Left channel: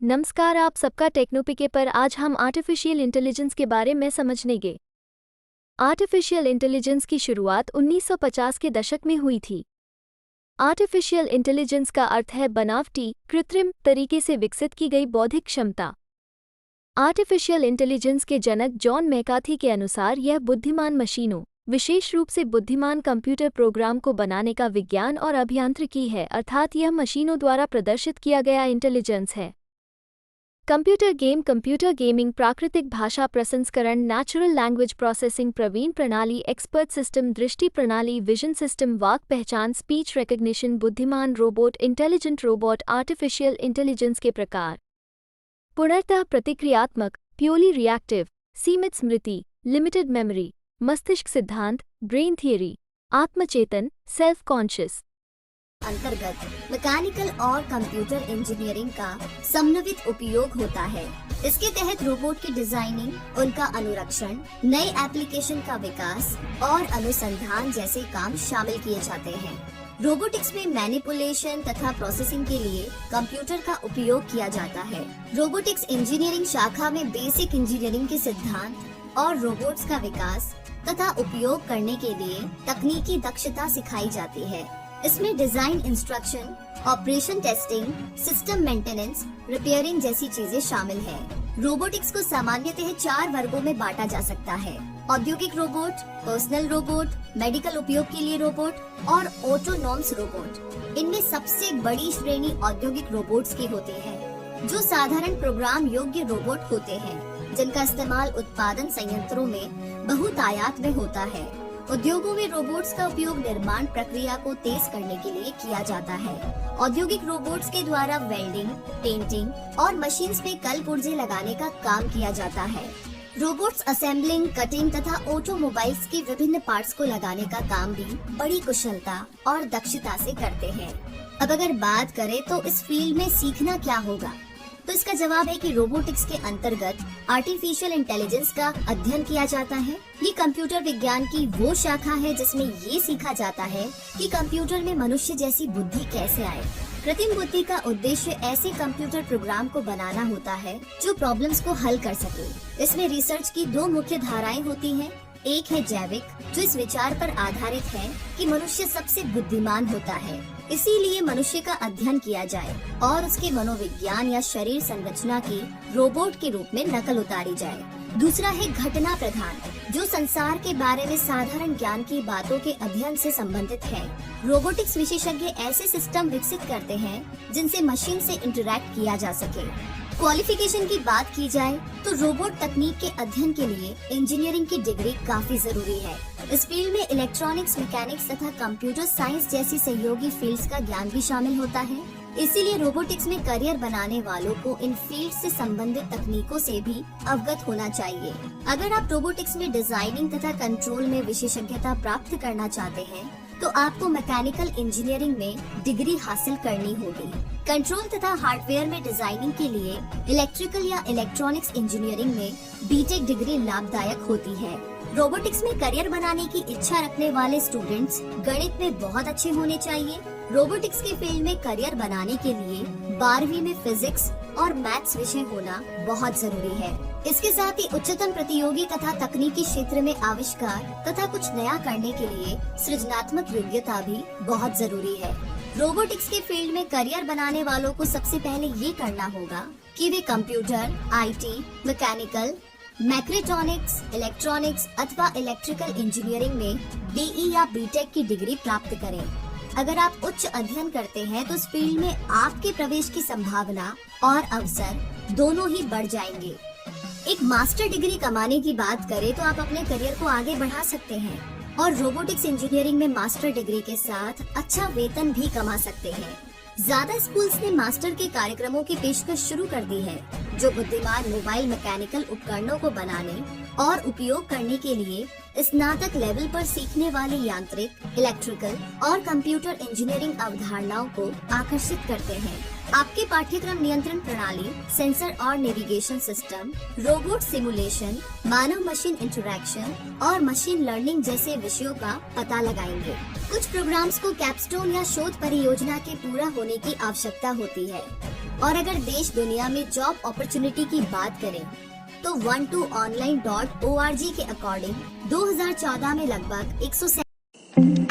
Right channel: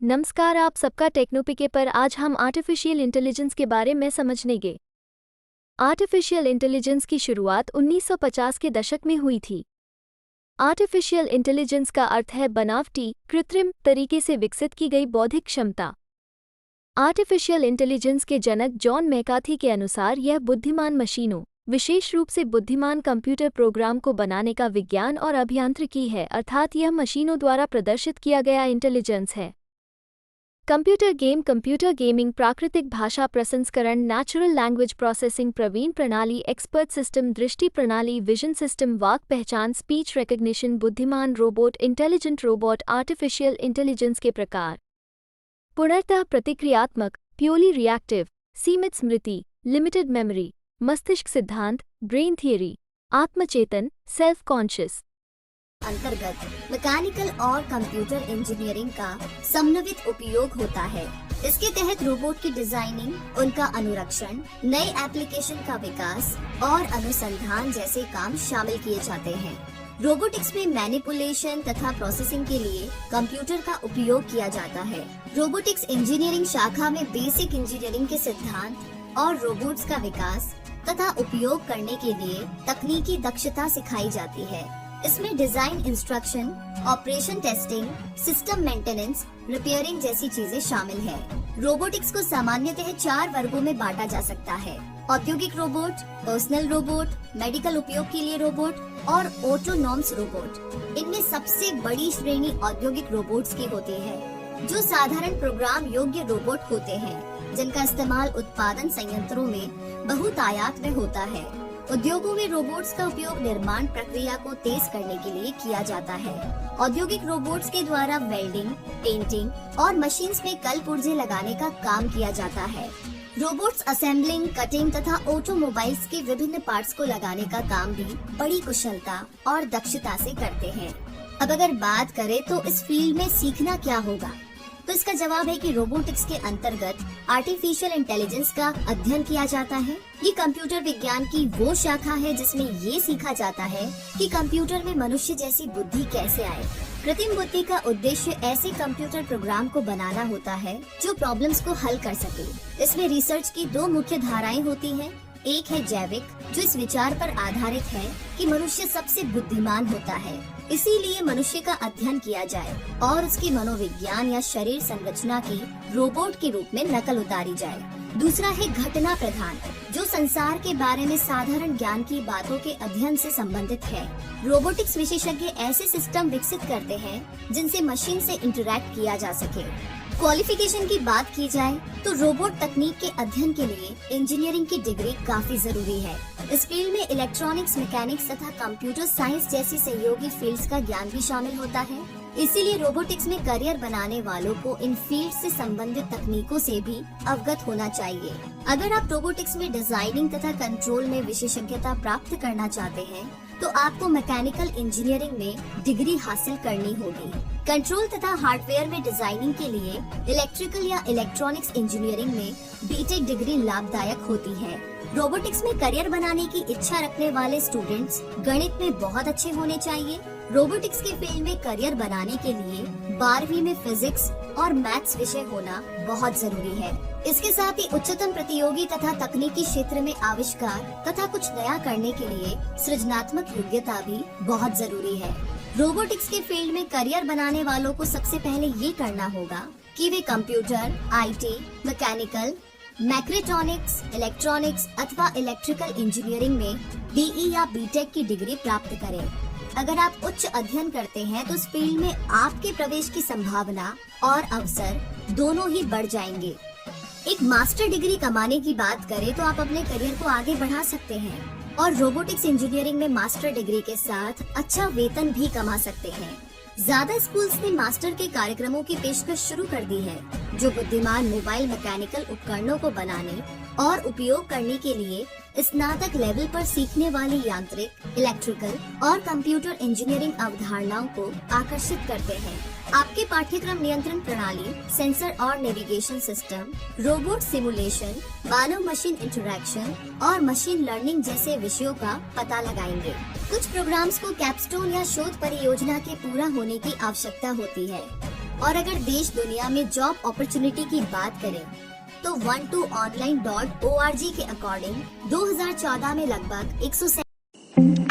नमस्कार, आप सबका टेक्नोपिके पर आज हम आर्टिफिशियल इंटेलिजेंस के बारे में समझनेंगे। आर्टिफिशियल इंटेलिजेंस की शुरुआत 1950 के दशक में हुई थी। आर्टिफिशियल इंटेलिजेंस का अर्थ है बनावटी, कृत्रिम तरीके से विकसित की गई बौद्धिक क्षमता। आर्टिफिशियल इंटेलिजेंस के जनक जॉन मैकार्थी के अनुसार यह बुद्धिमान मशीनों, विशेष रूप से बुद्धिमान कंप्यूटर प्रोग्राम को बनाने का विज्ञान और अभियांत्रिकी है, अर्थात यह मशीनों द्वारा प्रदर्शित किया गया इंटेलिजेंस है। कंप्यूटर गेमिंग, प्राकृतिक भाषा प्रसंस्करण, नेचुरल लैंग्वेज प्रोसेसिंग, प्रवीण प्रणाली, एक्सपर्ट सिस्टम, दृष्टि प्रणाली, विजन सिस्टम, वाक पहचान, स्पीच रिकग्निशन, बुद्धिमान robot, intelligent robot. Artificial intelligence के प्रकार: पूर्णतः प्रतिक्रियात्मक, प्योरली रिएक्टिव, सीमित स्मृति, लिमिटेड मेमोरी, मस्तिष्क सिद्धांत, ब्रेन थियरी, आत्मचेतन, सेल्फ कॉन्शियस। अंतर्गत मैकेनिकल और कंप्यूटर इंजीनियरिंग का समन्वित उपयोग होता है। इसके तहत रोबोट की डिजाइनिंग, उनका अनुरक्षण, नए एप्लीकेशन का विकास और अनुसंधान जैसे काम शामिल किए जाते हैं। रोबोटिक्स में मैनिपुलेशन तथा प्रोसेसिंग के लिए कंप्यूटर का उपयोग किया जाता है। रोबोटिक्स इंजीनियरिंग शाखा में बेसिक इंजीनियरिंग के सिद्धांत और रोबोट्स का विकास तथा उपयोग करने के लिए तकनीकी दक्षता सिखाई जाती है। इसमें design, instruction, operation testing, system maintenance, repairing जैसी चीजें शामिल हैं। रोबोटिक्स को सामान्यतः 4 वर्गों में बांटा जा सकता है: औद्योगिक रोबोट, पर्सनल रोबोट, मेडिकल उपयोग के लिए रोबोट और ऑटोनॉमस रोबोट। इनमें सबसे बड़ी श्रेणी औद्योगिक रोबोट्स की होती है, जो साधारण प्रोग्राम योग्य रोबोट होते हैं, जिनका इस्तेमाल उत्पादन संयंत्रों में बहुतायत में होता है। उद्योगों में रोबोट्स का उपयोग निर्माण प्रक्रिया को तेज करने के लिए किया जाता है। औद्योगिक रोबोट्स के द्वारा वेल्डिंग, पेंटिंग और मशीन्स में कल पुर्जे लगाने का काम किया जाता है। रोबोट्स असेंबलिंग, कटिंग तथा ऑटोमोबाइल्स के विभिन्न पार्ट्स को लगाने का काम भी बड़ी कुशलता और दक्षता से करते हैं। अब अगर बात करें तो इस फील्ड में सीखना क्या होगा, तो इसका जवाब है कि रोबोटिक्स के अंतर्गत आर्टिफिशियल इंटेलिजेंस का अध्ययन किया जाता है। ये कंप्यूटर विज्ञान की वो शाखा है जिसमें ये सीखा जाता है कि कंप्यूटर में मनुष्य जैसी बुद्धि कैसे आए। कृत्रिम बुद्धि का उद्देश्य ऐसे कंप्यूटर प्रोग्राम को बनाना होता है जो प्रॉब्लम्स को हल कर सके। इसमें रिसर्च की 2 मुख्य धाराएं होती हैं। एक है जैविक, जो इस विचार पर आधारित है कि मनुष्य सबसे बुद्धिमान होता है, इसीलिए मनुष्य का अध्ययन किया जाए और उसके मनोविज्ञान या शरीर संरचना की रोबोट के रूप में नकल उतारी जाए। दूसरा है घटना प्रधान, जो संसार के बारे में साधारण ज्ञान की बातों के अध्ययन से संबंधित है। रोबोटिक्स विशेषज्ञ ऐसे सिस्टम विकसित करते हैं जिनसे मशीन से इंटरैक्ट किया जा सके। क्वालिफिकेशन की बात की जाए तो रोबोट तकनीक के अध्ययन के लिए इंजीनियरिंग की डिग्री काफी जरूरी है। इस फील्ड में इलेक्ट्रॉनिक्स, मैकेनिक्स तथा कंप्यूटर साइंस जैसी सहयोगी फील्ड्स का ज्ञान भी शामिल होता है। इसीलिए रोबोटिक्स में करियर बनाने वालों को इन फील्ड से संबंधित तकनीकों से भी अवगत होना चाहिए। अगर आप रोबोटिक्स में डिजाइनिंग तथा कंट्रोल में विशेषज्ञता प्राप्त करना चाहते हैं तो आपको मैकेनिकल इंजीनियरिंग में डिग्री हासिल करनी होगी। कंट्रोल तथा हार्डवेयर में डिजाइनिंग के लिए इलेक्ट्रिकल या इलेक्ट्रॉनिक्स इंजीनियरिंग में बीटेक डिग्री लाभदायक होती है। रोबोटिक्स में करियर बनाने की इच्छा रखने वाले स्टूडेंट्स गणित में बहुत अच्छे होने चाहिए। रोबोटिक्स के फील्ड में करियर बनाने के लिए 12वीं में फिजिक्स और मैथ्स विषय होना बहुत जरूरी है। इसके साथ ही उच्चतम प्रतियोगी तथा तकनीकी क्षेत्र में आविष्कार तथा कुछ नया करने के लिए सृजनात्मक योग्यता भी बहुत जरूरी है। रोबोटिक्स के फील्ड में करियर बनाने वालों को सबसे पहले ये करना होगा कि वे कंप्यूटर, आईटी, मैकेनिकल, मैक्रोट्रॉनिक्स, इलेक्ट्रॉनिक्स अथवा इलेक्ट्रिकल इंजीनियरिंग में बीई या बीटेक की डिग्री प्राप्त करें। अगर आप उच्च अध्ययन करते हैं तो इस फील्ड में आपके प्रवेश की संभावना और अवसर दोनों ही बढ़ जाएंगे। एक मास्टर डिग्री कमाने की बात करें तो आप अपने करियर को आगे बढ़ा सकते हैं और रोबोटिक्स इंजीनियरिंग में मास्टर डिग्री के साथ अच्छा वेतन भी कमा सकते हैं। ज्यादा स्कूल्स ने मास्टर के कार्यक्रमों की पेशकश शुरू कर दी है, जो बुद्धिमान मोबाइल मैकेनिकल उपकरणों को बनाने और उपयोग करने के लिए स्नातक लेवल पर सीखने वाली यांत्रिक, इलेक्ट्रिकल और कंप्यूटर इंजीनियरिंग अवधारणाओं को आकर्षित करते हैं। आपके पाठ्यक्रम नियंत्रण प्रणाली, सेंसर और नेविगेशन सिस्टम, रोबोट सिमुलेशन, मानव मशीन इंटरैक्शन और मशीन लर्निंग जैसे विषयों का पता लगाएंगे। कुछ प्रोग्राम्स को कैपस्टोन या शोध परियोजना के पूरा होने की आवश्यकता होती है। और अगर देश दुनिया में जॉब अपॉर्चुनिटी की बात करें तो 12online.org के अकॉर्डिंग 2014 में लगभग 100